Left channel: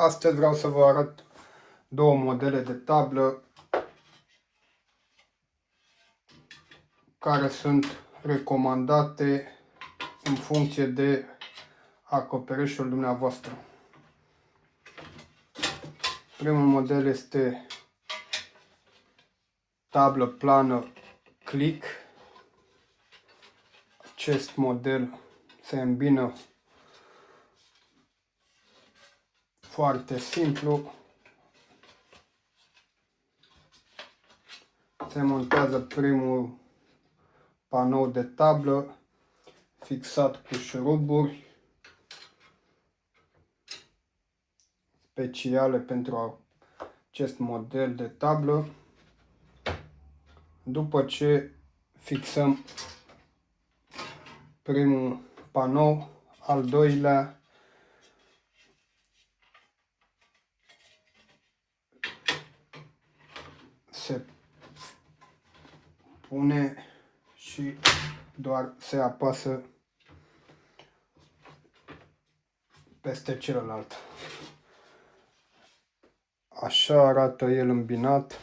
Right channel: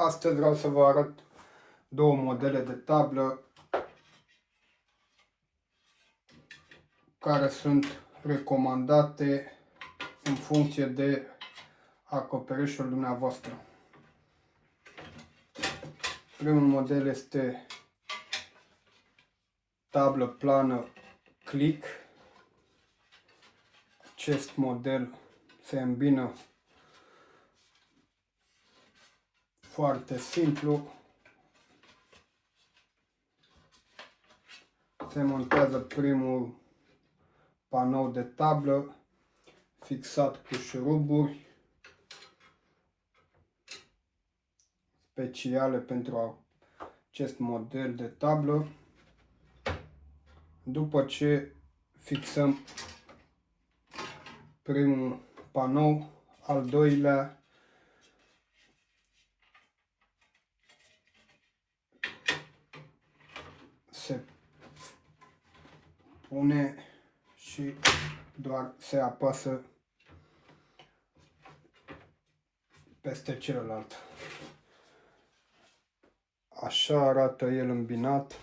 Astăzi vreau să vă arăt două modele de tablă care sunt recomandate în funcție de acoperișul dumneavoastră. Primul model este tablă plană Click. Acest model se îmbină foarte simplu. Se montează primul panou de tablă fixat cu șuruburi speciale pentru acest model de tablă. După ce fixăm primul panou, al doilea se pune și doar se apasă peste celălalt. Așa arată el îmbinat.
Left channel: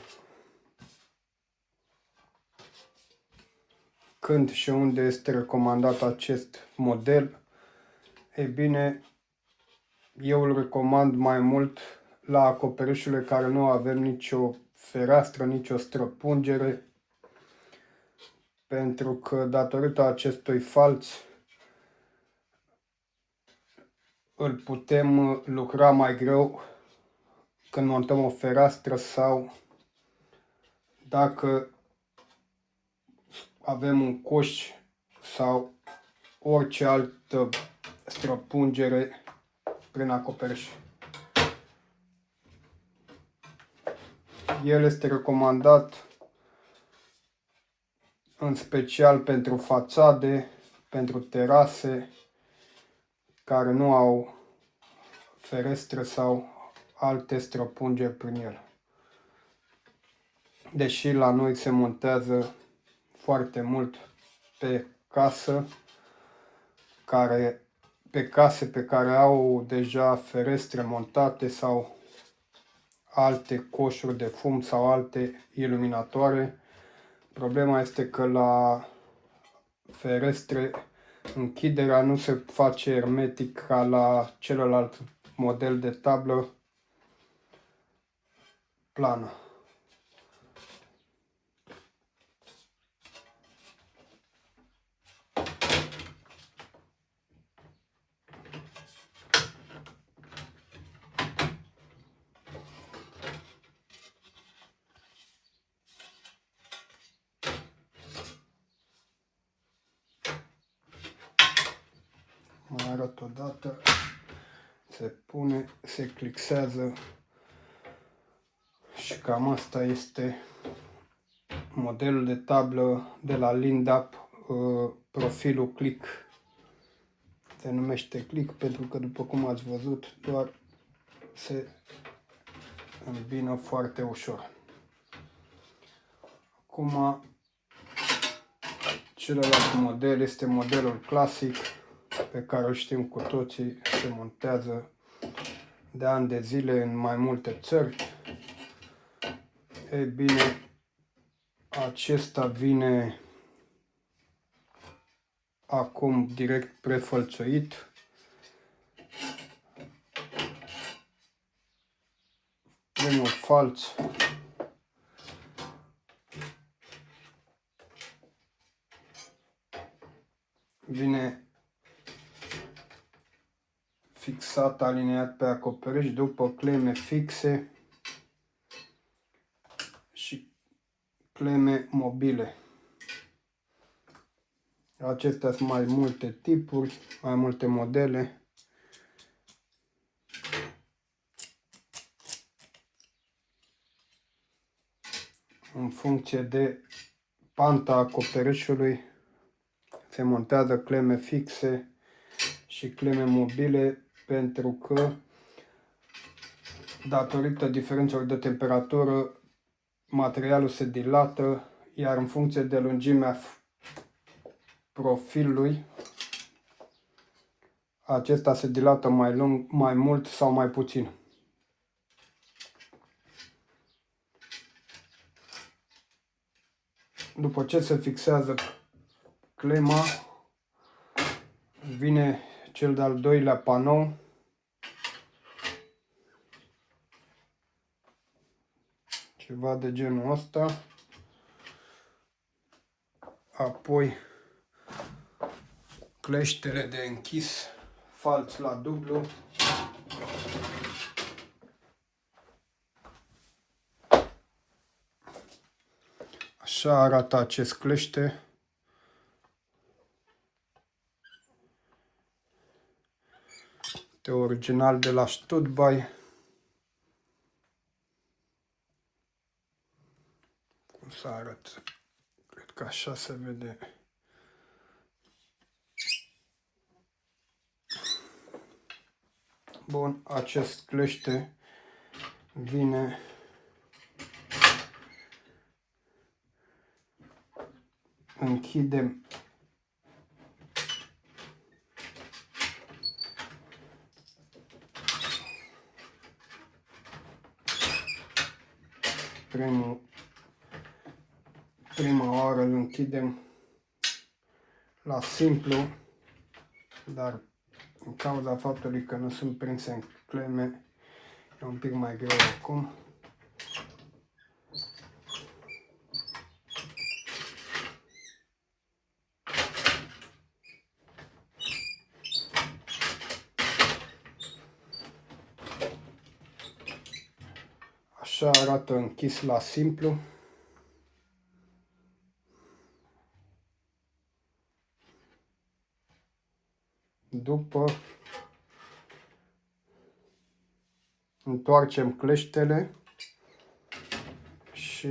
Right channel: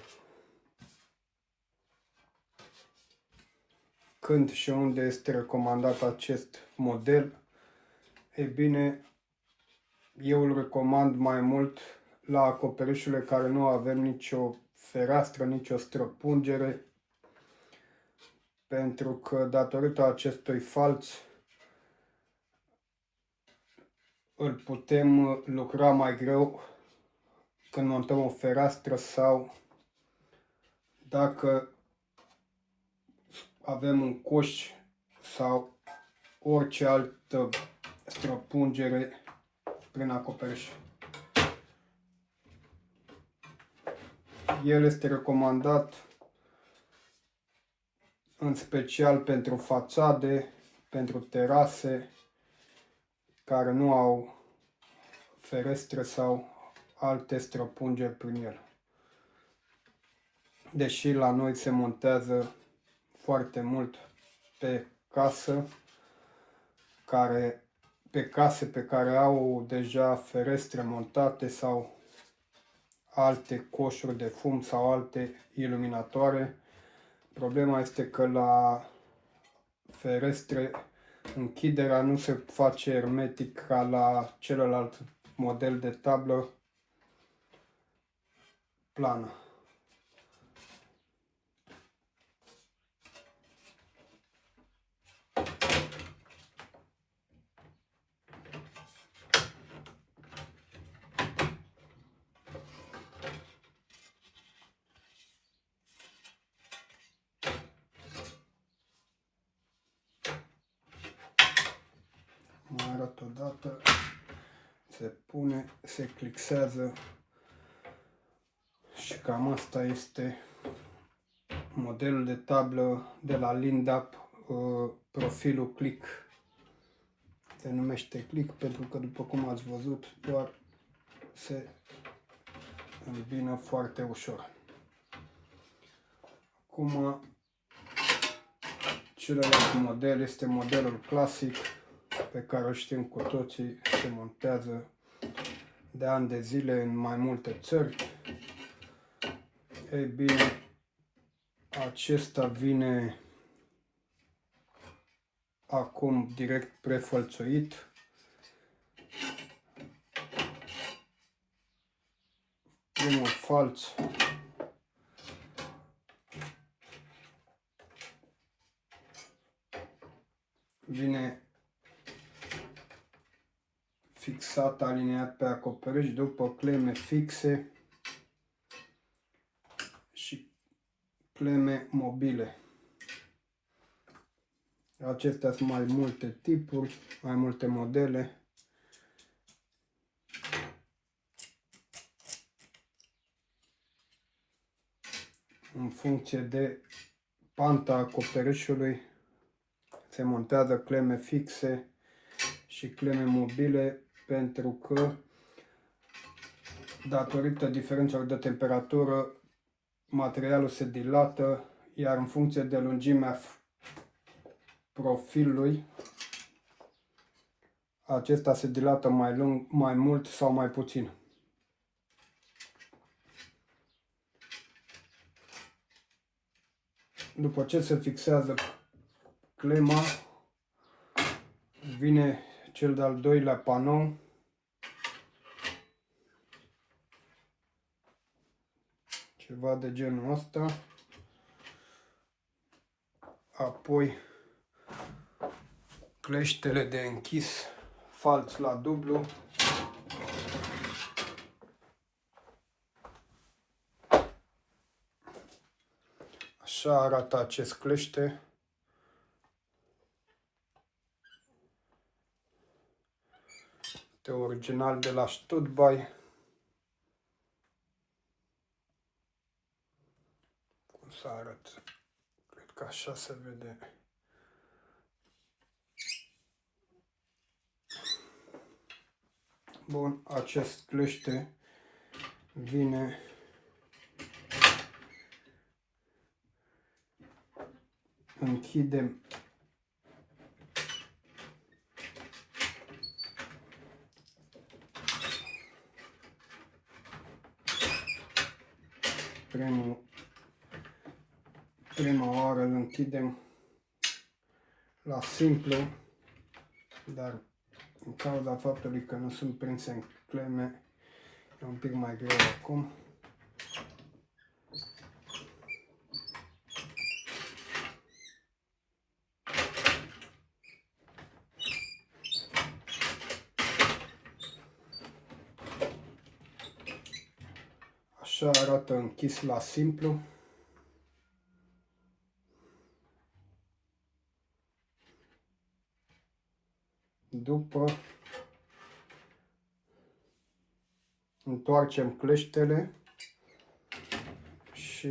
Când și unde este recomandat acest model? Ei bine, eu îl recomand mai mult la acoperișurile care nu avem nicio fereastră, nicio străpungere, pentru că datorită acestui falț îl putem lucra mai greu când montăm o fereastră sau dacă avem un coș sau orice altă străpungere prin acoperiș. El este recomandat în special pentru fațade, pentru terase care nu au ferestre sau alte străpungeri prin el. Deși la noi se montează foarte mult pe case pe care au deja ferestre montate sau alte coșuri de fum sau alte iluminatoare. Problema este că la ferestre închiderea nu se face hermetic ca la celălalt model de tablă plană. Mai arăt o dată. Se pune, se clixează și cam asta este modelul de tablă de la Lindap, profilul Click. Se numește Click pentru că, după cum ați văzut, doar se îmbină foarte ușor. Acum, celălalt model este modelul clasic, pe care îl știm cu toții, se montează de ani de zile în mai multe țări. Ei bine, acesta vine acum direct prefălțuit. Primul falț vine fixat, aliniat pe acoperiș, după cleme fixe și cleme mobile. Acestea sunt mai multe tipuri, mai multe modele. În funcție de panta acoperișului se montează cleme fixe și cleme mobile, pentru că datorită diferențelor de temperatură materialul se dilată, iar în funcție de lungimea profilului acesta se dilată mai mult sau mai puțin. După ce se fixează clema, vine cel de-al doilea panou. Ceva de genul ăsta. Apoi cleștele de închis falț la dublu. Așa arată acest clește. Este original de la Stuttby. Cum să arăt? Cred că așa se vede. Bun, acest clește vine închidem prima oară îl închidem la simplu, dar în cauza faptului că nu sunt prinse în cleme, e un pic mai greu acum. Așa arată închis la simplu. După întoarcem cleștele și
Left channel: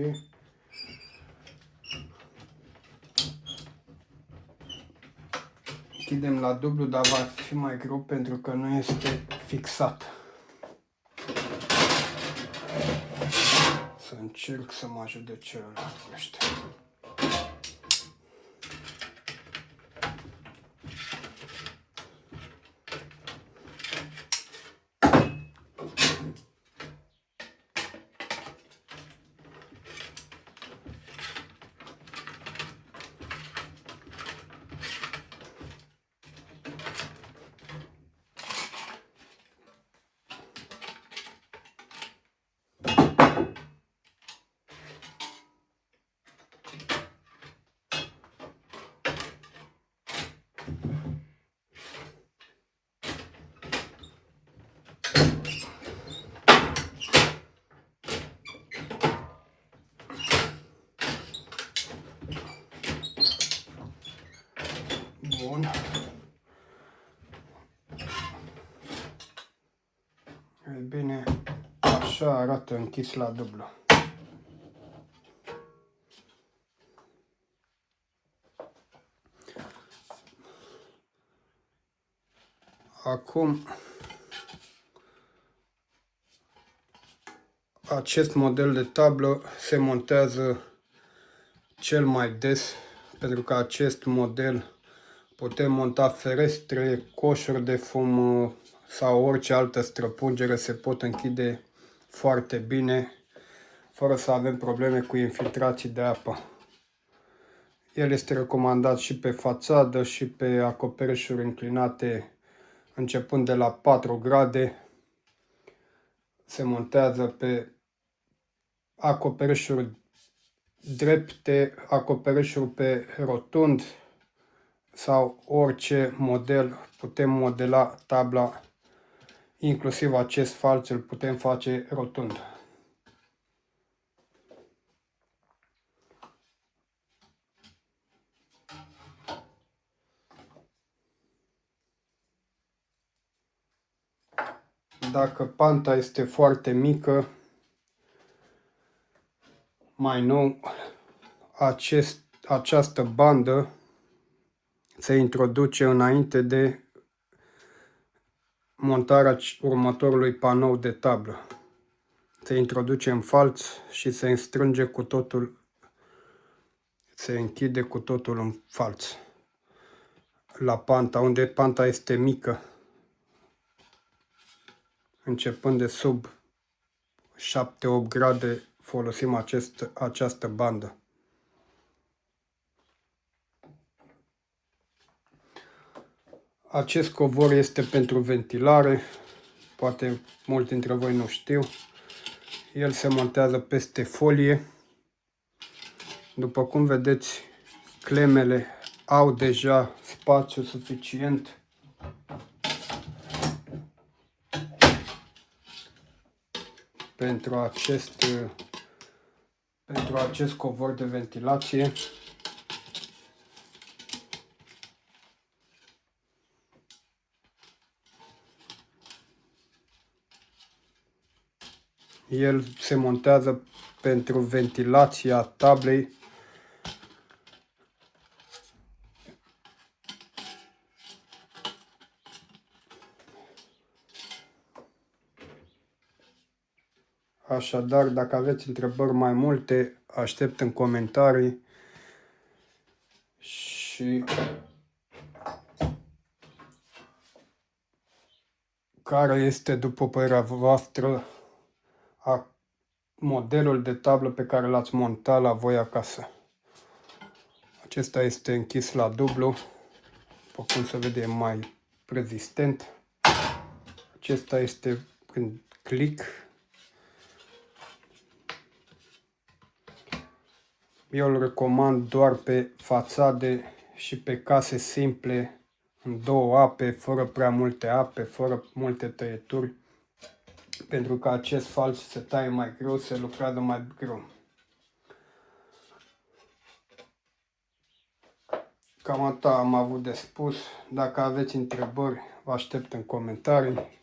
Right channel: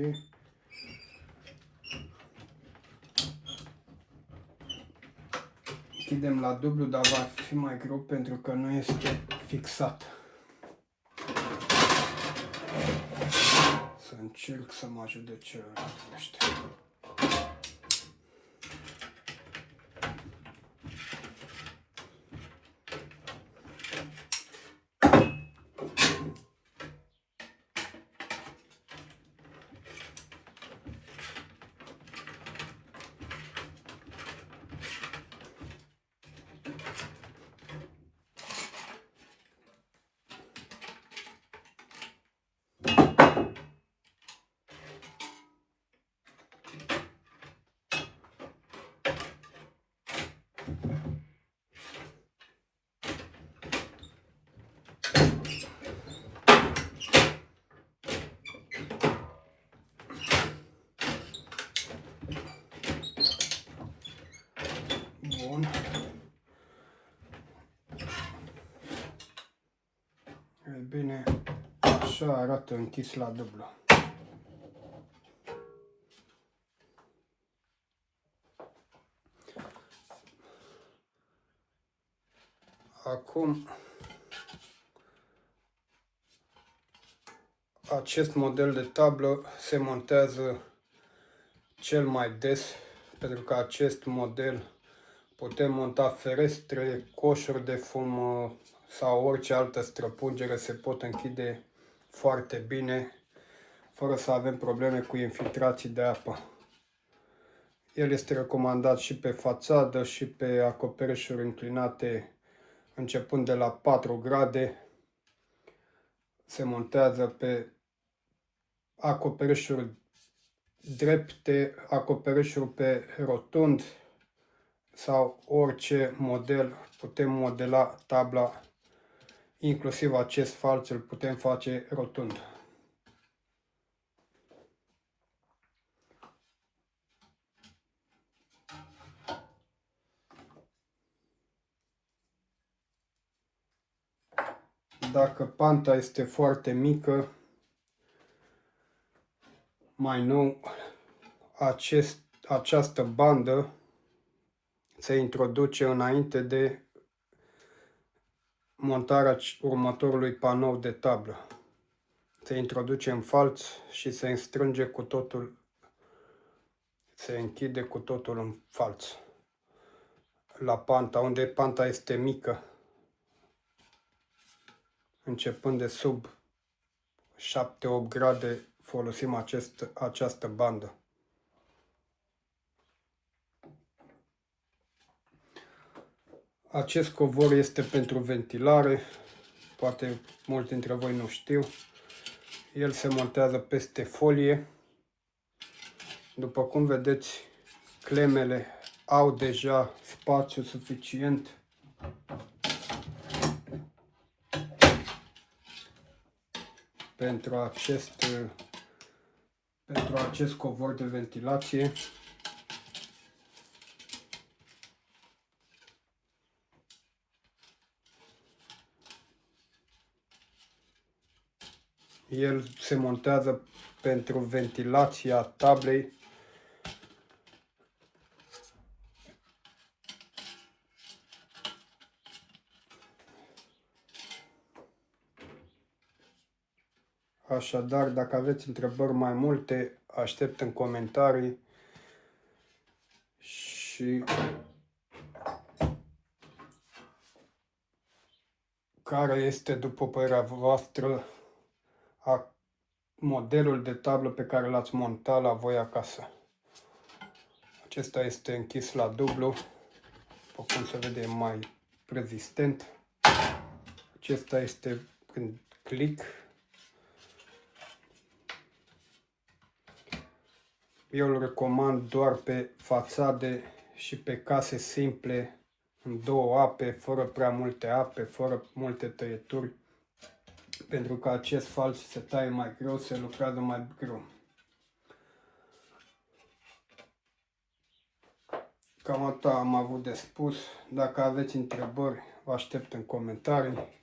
închidem la dublu, dar va fi mai greu pentru că nu este fixat. Să încerc să mă ajut de celălalt clește. Bun. E bine, așa arată închis la dublu. Acum, acest model de tablă se montează cel mai des, pentru că acest model putem monta ferestre, coșuri de fum sau orice altă străpungere, se pot închide foarte bine, fără să avem probleme cu infiltrații de apă. El este recomandat și pe fațadă și pe acoperișuri înclinate începând de la 4 grade. Se montează pe acoperișuri drepte, acoperișuri pe rotund sau orice model. Putem modela tabla, inclusiv acest falț îl putem face rotund. Dacă panta este foarte mică, mai nou, această bandă se introduce înainte de montarea următorului panou de tablă. Se introduce în falț și se strânge cu totul, se închide cu totul în falț. La panta, unde panta este mică, începând de sub 7-8 grade, folosim această bandă. Acest covor este pentru ventilare, poate mulți dintre voi nu știu. El se montează peste folie. După cum vedeți, clemele au deja spațiu suficient pentru acest covor de ventilație. El se montează pentru ventilația tablei. Așadar, dacă aveți întrebări mai multe, aștept în comentarii și care este, după părerea voastră, modelul de tablă pe care l-ați montat la voi acasă. Acesta este închis la dublu, după cum se vede mai rezistent. Acesta este în click. Eu îl recomand doar pe fațade și pe case simple, în două ape, fără prea multe ape, fără multe tăieturi, pentru că acest falț se taie mai greu, se lucrează mai greu. Cam atât am avut de spus. Dacă aveți întrebări, vă aștept în comentarii.